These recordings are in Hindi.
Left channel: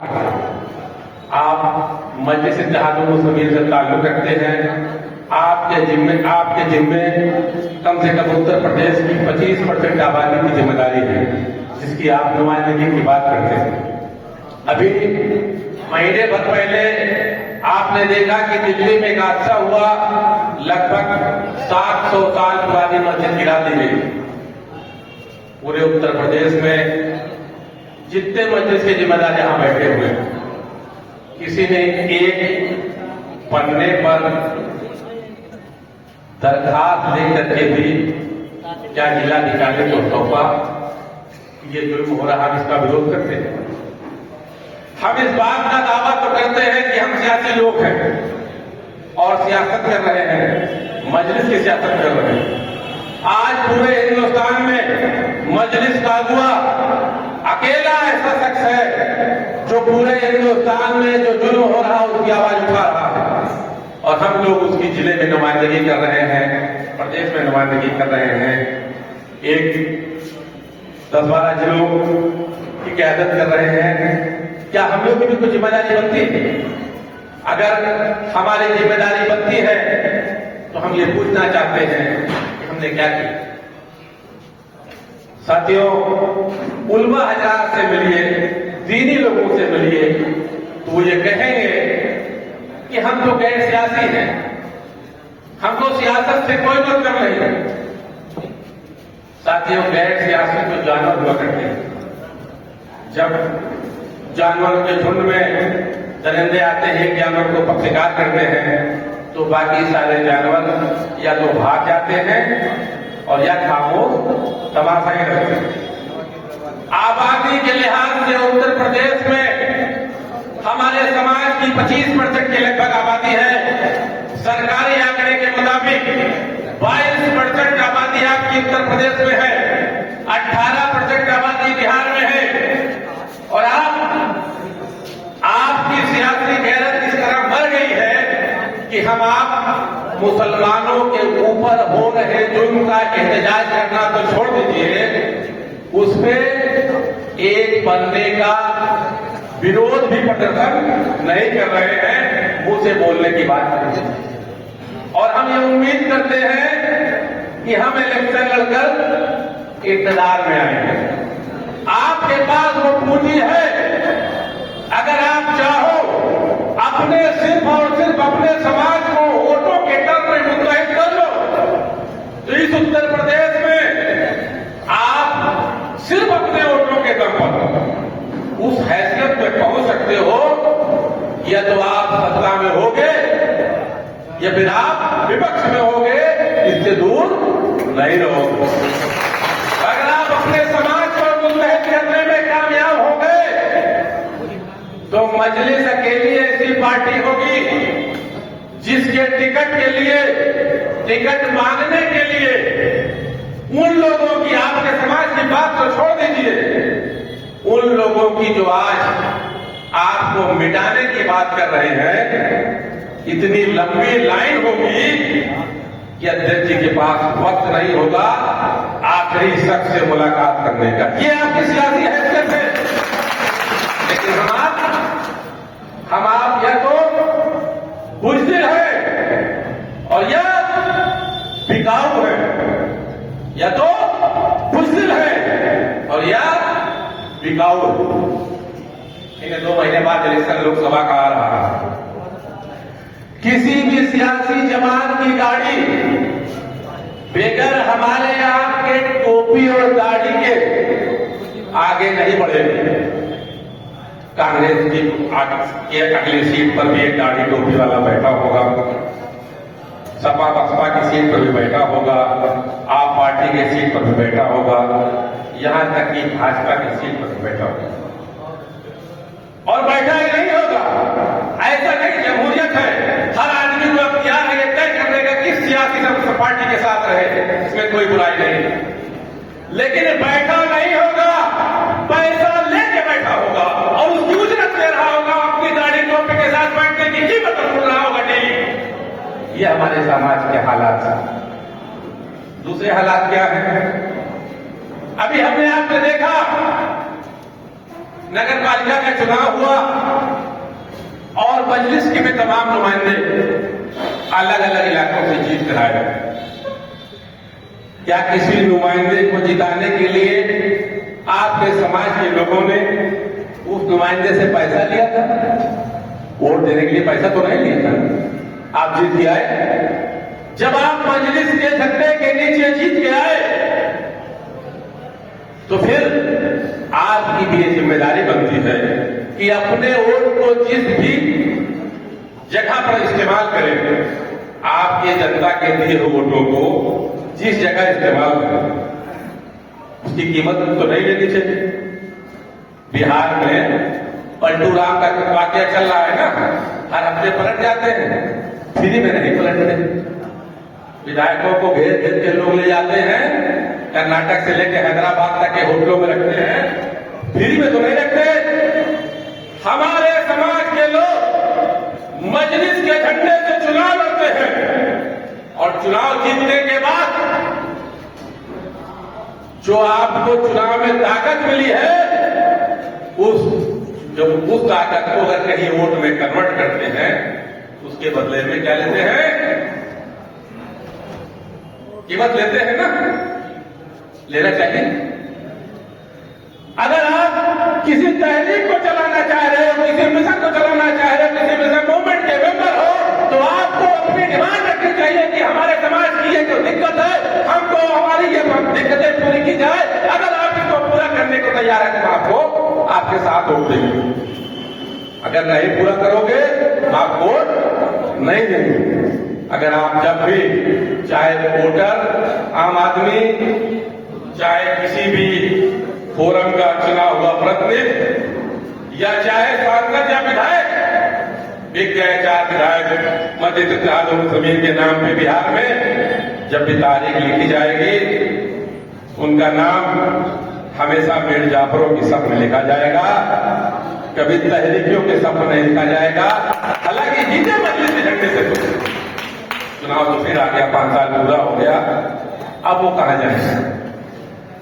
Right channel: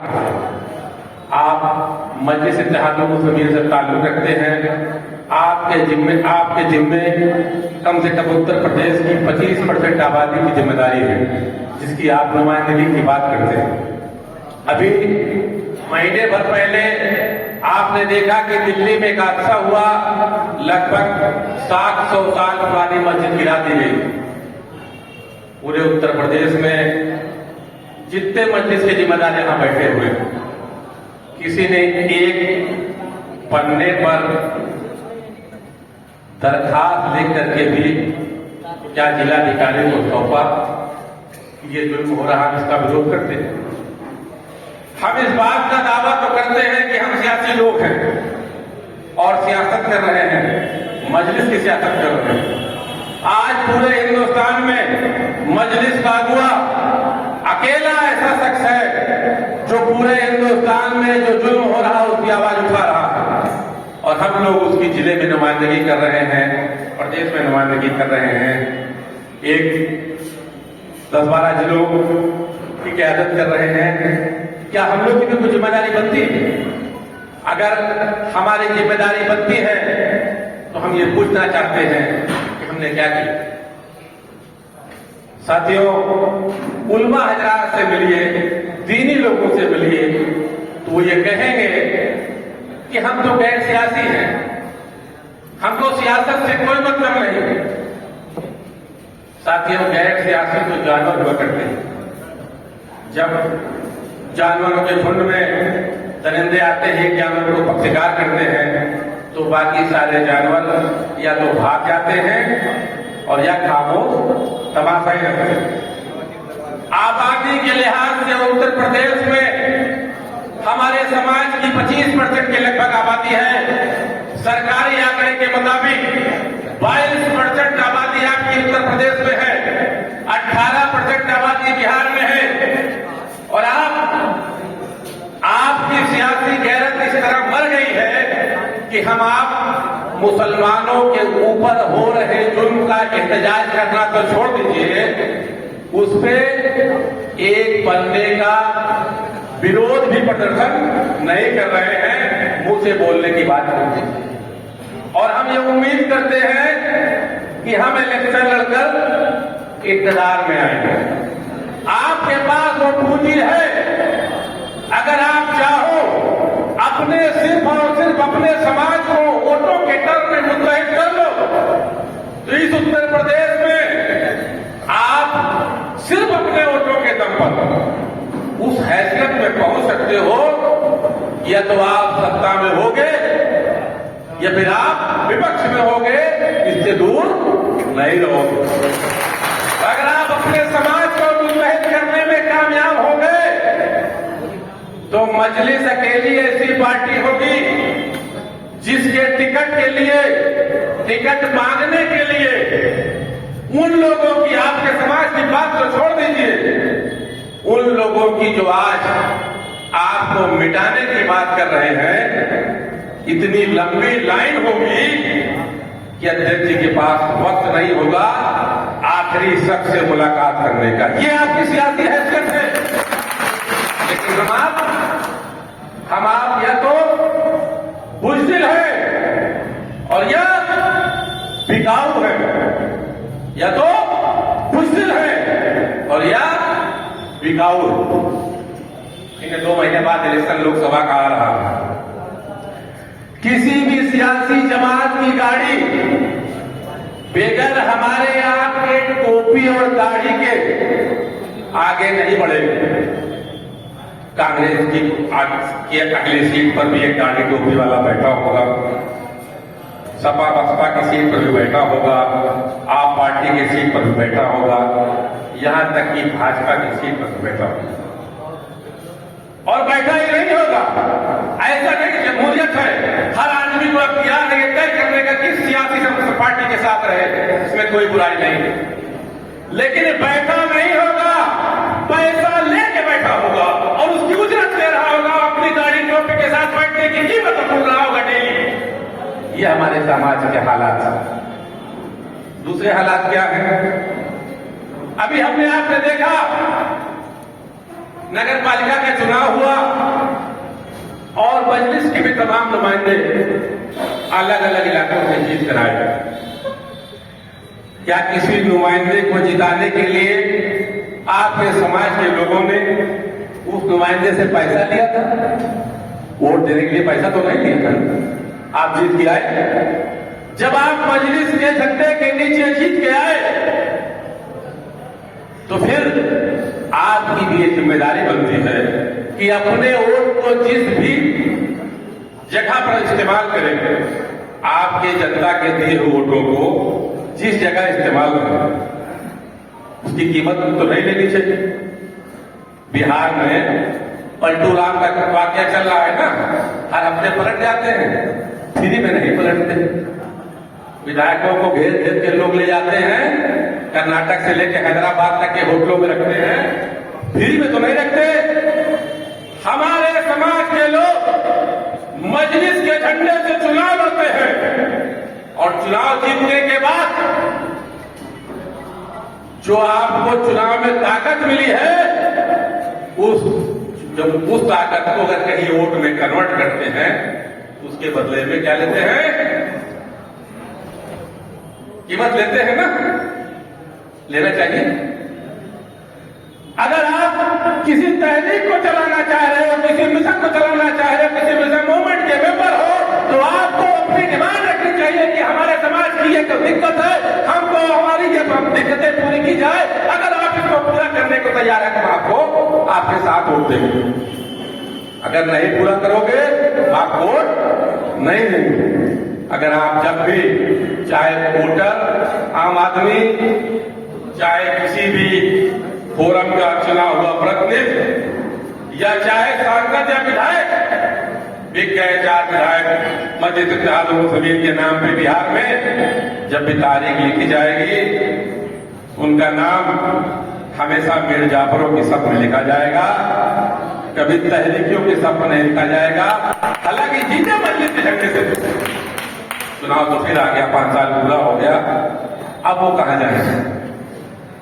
आप मजलिस इत्तेहादुल मुस्लिमीन से ताल्लुक रखते हैं। आपके जिम्मे कम से कम उत्तर प्रदेश की 25% आबादी की जिम्मेदारी है, जिसकी आप नुमाइंदगी की बात करते हैं। अभी महीने भर पहले आपने देखा कि दिल्ली में एक हादसा हुआ, लगभग 700 साल पुरानी मस्जिद गिरा दी गई। पूरे उत्तर प्रदेश में जितने मस्जिद के जिम्मेदार यहां बैठे हुए, किसी ने एक पन्ने पर दरखास्त लिख करके भी क्या जिलाधिकारी को सौंपा कि ये जुल्म हो रहा है, इसका विरोध करते हैं। हम इस बात का दावा तो करते हैं कि हम सियासी लोग हैं और सियासत कर रहे हैं, मजलिस की सियासत कर रहे हैं। आज पूरे हिंदुस्तान में मजलिस बाजुआ अकेला ऐसा शख्स है जो पूरे हिंदुस्तान में जो जुल्म हो रहा है उसकी आवाज उठा रहा है, और हम लोग उसकी जिले में नुमाइंदगी कर रहे हैं, प्रदेश में नुमाइंदगी कर रहे हैं। एक 10-12 जिलों की क़यादत कर रहे हैं। क्या हम लोग की भी कुछ जिम्मेदारी बनती है? अगर हमारी जिम्मेदारी बनती है तो हम ये पूछना चाहते हैं कि हमने क्या किया। साथियों, उलमा हजरात से मिलिए, दीनी लोगों से मिलिए, तो वो ये कहेंगे कि हम तो गैर सियासी हैं, हमको सियासत से कोई मतलब नहीं। साथियों, गैर सियासी तो जानवर हुआ करते हैं। जब जानवरों के झुंड में दरिंदे आते हैं, जानवर को शिकार करते हैं, तो बाकी सारे जानवर या तो भाग जाते हैं और या खामोश तमाशा करते हैं। आबादी के लिहाज से उत्तर प्रदेश में हमारे समाज की 25% की लगभग आबादी है। सरकारी आंकड़े के मुताबिक 22% आबादी आपकी उत्तर प्रदेश में है, 18% आबादी बिहार में है। और आपकी सियासी गैरत इस तरह बढ़ गई है कि हम आप मुसलमानों के ऊपर हो रहे जुल्म का एहतजाज करना तो छोड़ दीजिए, उसमें एक बंदे का विरोध भी प्रदर्शन नहीं कर रहे हैं, मुंह से बोलने की बात करते हैं। और हम ये उम्मीद करते हैं कि हम इलेक्शन लड़कर इक़्तिदार में आएंगे। आपके पास वो पूंजी है, अगर आप चाहो अपने सिर्फ और सिर्फ अपने समाज को वोटों के कर में मुतहद कर लो, तो इस उत्तर प्रदेश में आप सिर्फ अपने वोटों के दम पर उस हैसियत में पहुंच सकते हो, या तो आप सत्ता में होगे या फिर आप विपक्ष में होगे, इससे दूर नहीं रहोगे। अगर आप अपने समाज को मुतहद करने में कामयाब हो गए तो मजलिस अकेली ऐसी पार्टी होगी जिसके टिकट मांगने के लिए उन लोगों की, आपके समाज की बात तो छोड़ दीजिए, उन लोगों की जो आज आपको मिटाने की बात कर रहे हैं, इतनी लंबी लाइन होगी कि अध्यक्ष जी के पास वक्त नहीं होगा आखिरी शख्स से मुलाकात करने का। ये आपकी सियासी हैसियत है। लेकिन हम आप या तो बुज़दिल है और या बिकाऊ है, या तो बुज़दिल है और या बिकाऊ। इन्हें 2 महीने बाद इलेक्शन लोकसभा का आ रहा है। किसी भी सियासी जमात की गाड़ी बेगर हमारे आपके टोपी और दाढ़ी के आगे नहीं बढ़ेगी। कांग्रेस की अगली सीट पर भी एक दाढ़ी टोपी वाला बैठा होगा, सपा बसपा की सीट पर भी बैठा होगा, आप पार्टी की सीट पर भी बैठा होगा, यहां तक कि भाजपा की सीट पर भी बैठा होगा। और बैठा ही नहीं होगा, ऐसा नहीं, जमहूरियत है, हर आदमी को अख्तियार है तय करने का किस सियासी पार्टी के साथ रहे, इसमें कोई बुराई नहीं। लेकिन बैठा नहीं होगा, पैसा लेके बैठा होगा और उसकी उजरत ले रहा होगा, अपनी दाढ़ी टोपी के साथ बैठने की कीमत भूल रहा होगा। नहीं, ये हमारे समाज के हालात हैं। दूसरे हालात क्या हैं? अभी हमने आपने देखा नगर पालिका का चुनाव हुआ और मजलिस के में तमाम नुमाइंदे अलग अलग इलाकों से जीत कर आए। क्या किसी नुमाइंदे को जिताने के लिए आपके समाज के लोगों ने उस नुमाइंदे से पैसा लिया था? वोट देने के लिए पैसा तो नहीं लिया था, आप जीत के आए। जब आप मजलिस के झंडे के नीचे जीत के आए तो फिर आपकी भी ये जिम्मेदारी बनती है कि अपने वोट को जिस भी जगह पर इस्तेमाल करें, आपके जनता के दिए वोटों को जिस जगह इस्तेमाल करें उसकी कीमत तो नहीं लेनी चाहिए। बिहार में पलटू राम का वाकया चल रहा है ना, हर हफ्ते पलट जाते हैं, फ्री में नहीं पलटते। विधायकों को घेर घेर के लोग ले जाते हैं, कर्नाटक से लेकर हैदराबाद तक के होटलों में रखते हैं, फ्री में तो नहीं रखते। हमारे समाज के लोग मजलिस के झंडे से चुनाव लड़ते हैं और चुनाव जीतने के बाद जो आपको चुनाव में ताकत मिली है, उस ताकत को अगर कहीं वोट में कन्वर्ट करते हैं, उसके बदले में क्या लेते हैं? कीमत लेते हैं ना, लेना चाहिए। अगर आप किसी तहरीक को चलाना चाह रहे हो, किसी मिशन को चलाना चाह रहे हो, किसी मिशन मूवमेंट के मेंबर हो, तो आपको अपनी डिमांड रखनी चाहिए कि हमारे समाज की ये जो दिक्कत है, हमको हमारी ये दिक्कतें पूरी की जाए। अगर आप इसको पूरा करने को तैयार है तो आपको आपके साथ वोट देंगे, अगर नहीं पूरा करोगे आप वोट नहीं देंगे। अगर आप जब भी चाहे वोटर, आम आदमी, चाहे किसी भी फोरम का चुना हुआ प्रतिनिधि या चाहे सांसद या विधायक, एक गए 4 विधायक मस्जिद इत्तेहाद जमीन के नाम पे बिहार में जब भी तारीख लिखी जाएगी, उनका नाम हमेशा मीर जाफरों की सब में लिखा जाएगा, कभी तहरीकियों के सब में नहीं लिखा जाएगा। हालांकि जीते मस्जिद के झंडे से चुनाव तो फिर आ गया, 5 साल पूरा हो गया, अब वो कहां जाएंगे?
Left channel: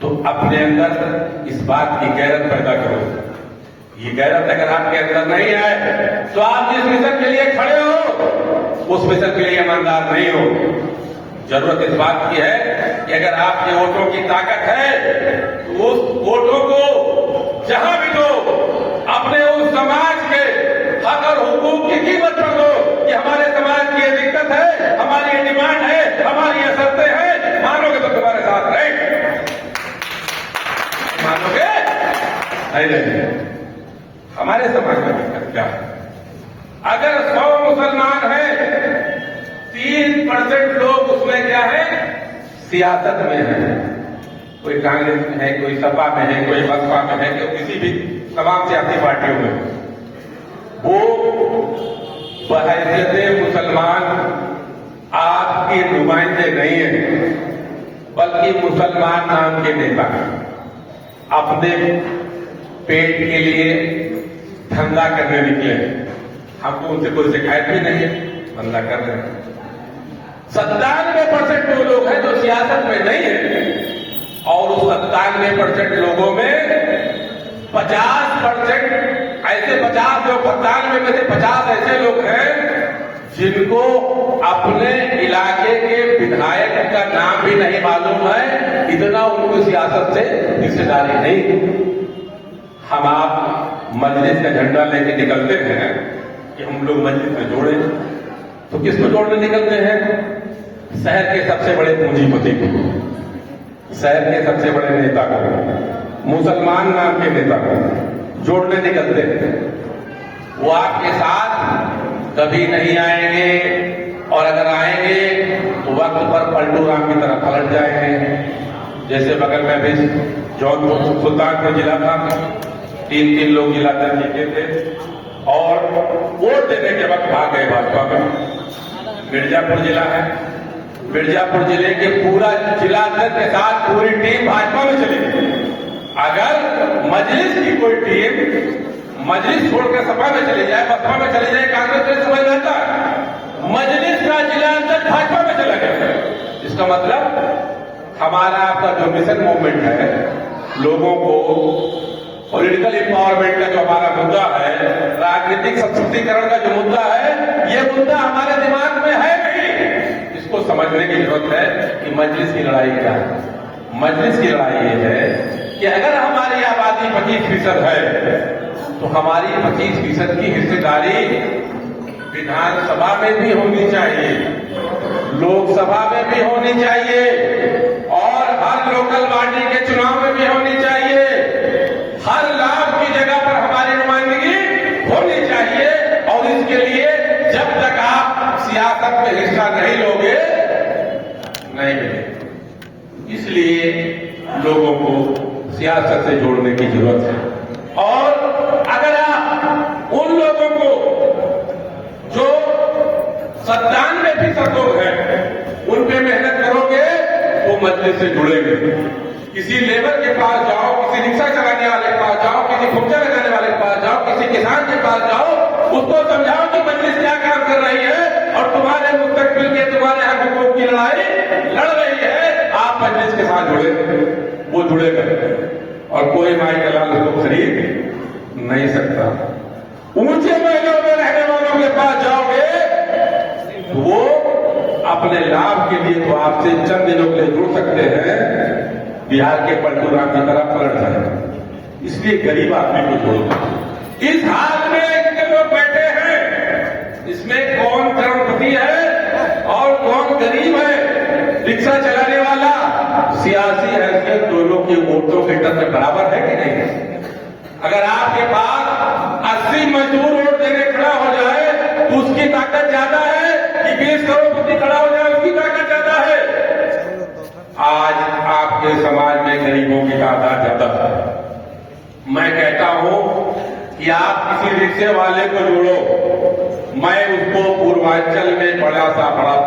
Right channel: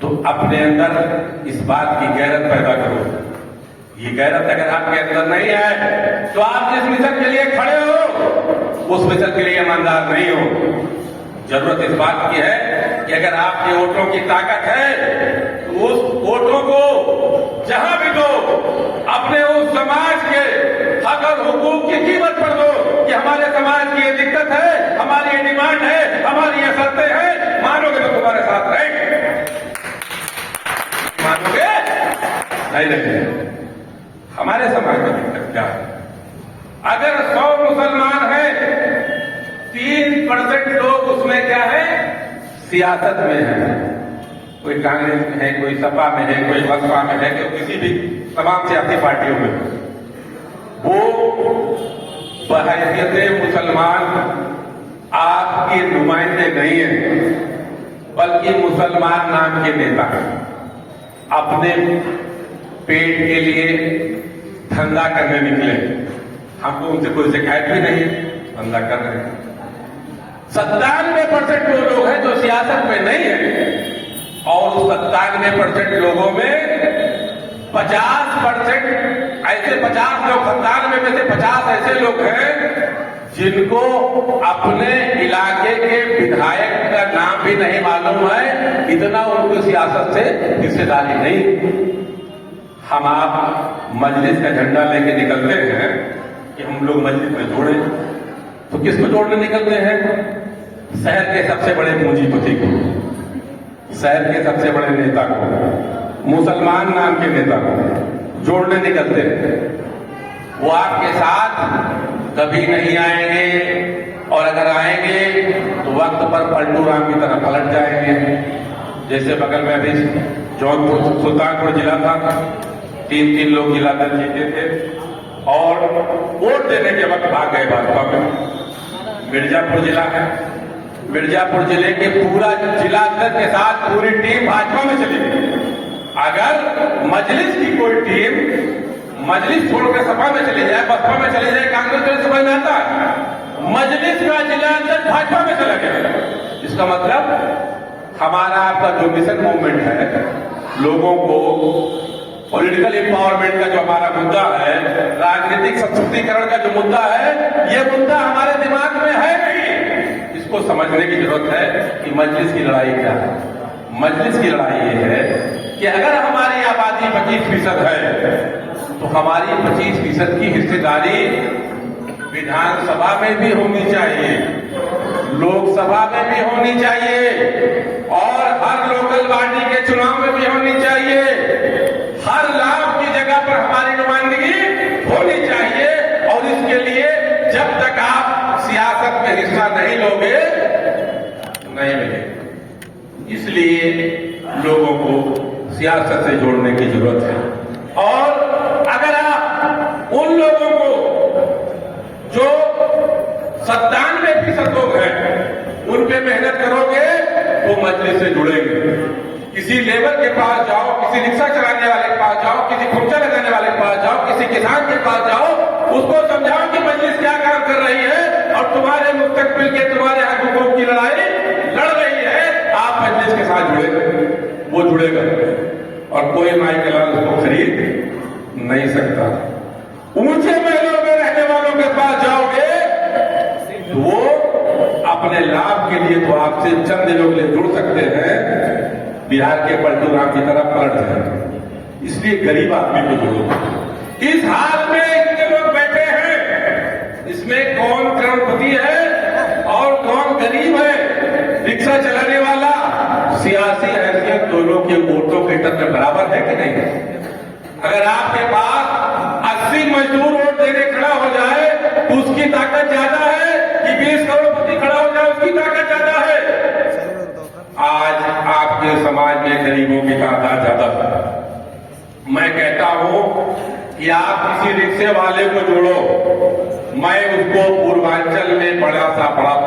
तो अपने अंदर इस बात की गैरत पैदा करो। ये गैरत अगर आपके अंदर नहीं है तो आप जिस मिशन के लिए खड़े हो उस मिशन के लिए ईमानदार नहीं हो। जरूरत इस बात की है कि अगर आपके वोटों की ताकत है तो उस वोटों को जहां भी दो, अपने उस समाज के हक और हुकूक की कीमत पर दो कि हमारे समाज की ये दिक्कत है, हमारी ये डिमांड है, हमारी ये शर्तें हैं, मानोगे तो तुम्हारे साथ रहेंगे, मानोगे नहीं रहेंगे। हमारे समाज में दिक्कत क्या है? अगर 100 मुसलमान हैं, 3% लोग उसमें क्या है? सियासत में है। कोई कांग्रेस में है, कोई सपा में है, कोई बसपा में है, कोई किसी भी तमाम सियासी पार्टियों में। वो बहैसियत मुसलमान आपके नुमाइंदे नहीं है, बल्कि मुसलमान नाम के नेता हैं। अपने पेट के लिए धंधा करने निकले, हमको उनसे कोई शिकायत भी नहीं, धंधा कर रहे हैं। 97% वो लोग हैं जो सियासत में नहीं है और उस 97% लोगों में 50% ऐसे 50 लोग, 97 में से 50 ऐसे लोग हैं जिनको अपने इलाके के विधायक का नाम भी नहीं मालूम है, इतना उनको सियासत से हिस्सेदारी नहीं। हम आप मजलिस का झंडा लेके निकलते हैं कि हम लोग मस्जिद में जोड़े, तो किसको जोड़ने निकलते हैं? शहर के सबसे बड़े पूंजीपति को, शहर के सबसे बड़े नेता को, मुसलमान नाम के नेता को जोड़ने निकलते हैं। वो आपके साथ कभी नहीं आएंगे और अगर आएंगे तो वक्त पर पलटू राम की तरह पलट जाएंगे। जैसे बगल में भी जौनपुर सुल्तानपुर जिला था, 3 लोग जिला दल जीते थे और वोट देने के वक्त भाग गए भाजपा में। मिर्जापुर जिला है, मिर्जापुर जिले के पूरा जिला के साथ पूरी टीम भाजपा में चली गई। अगर मजलिस की कोई टीम मजलिस छोड़कर सपा में चली जाए, बसपा में चली जाए, कांग्रेस तो समझ में आता है, मजलिस का जिला अंदर भाजपा में चला गया, इसका मतलब हमारा आपका जो मिशन मूवमेंट है, लोगों को पॉलिटिकल एम्पावरमेंट का जो हमारा मुद्दा है, राजनीतिक सशक्तिकरण का जो मुद्दा है, ये मुद्दा हमारे दिमाग में है नहीं। इसको समझने की जरूरत है कि मजलिस की लड़ाई क्या है। मजलिस की लड़ाई ये है कि अगर हमारी आबादी 25% है तो हमारी 25% की हिस्सेदारी विधानसभा में भी होनी चाहिए, लोकसभा में भी होनी चाहिए और हर लोकल बॉडी के चुनाव में भी होनी चाहिए। हर लाभ की जगह पर हमारी नुमाइंदगी होनी चाहिए और इसके लिए जब तक आप सियासत में हिस्सा नहीं लोगे नहीं मिलेगा। इसलिए लोगों को सियासत से जोड़ने की जरूरत है। और अगर आप उन लोगों को जो 97% लोग हैं उन पे मेहनत करोगे तो मजलिस से जुड़ेंगे। किसी लेबर के पास जाओ, किसी रिक्शा चलाने वाले के पास जाओ, किसी खुर्चा लगाने वाले के पास जाओ, किसी किसान के पास जाओ, उसको समझाओ कि मजलिस क्या काम कर रही है और तुम्हारे मुस्तकबिल के तुम्हारे हकों की लड़ाई लड़ रही है। आप मजलिस के साथ जुड़ेंगे, वो जुड़ेगा और कोई माई का लाल उसको खरीद नहीं सकता। ऊंचे महलों में रहने वालों के पास जाओगे तो वो अपने लाभ के लिए तो आपसे चंद दिनों के जुड़ सकते हैं, बिहार के पलटू राम की तरफ पलट जाए। इसलिए गरीब आदमी को जोड़ो। इस हाथ में इतने लोग बैठे हैं, इसमें कौन करोड़पति है और कौन गरीब है। रिक्शा चलाने वाला सियासी हैसियत दोनों के वोटों के टक्कर बराबर है कि नहीं है। अगर आपके पास 80 मजदूर वोट देने खड़ा हो जाए तो उसकी ताकत ज्यादा है कि 20 करोड़पति खड़ा हो जाए उसकी ताकत ज्यादा है। आज आपके समाज में गरीबों की तादाद ज्यादा है। मैं कहता हूं कि आप किसी रिक्शे वाले को जोड़ो, मैं उसको पूर्वांचल में बड़ा सा बड़ा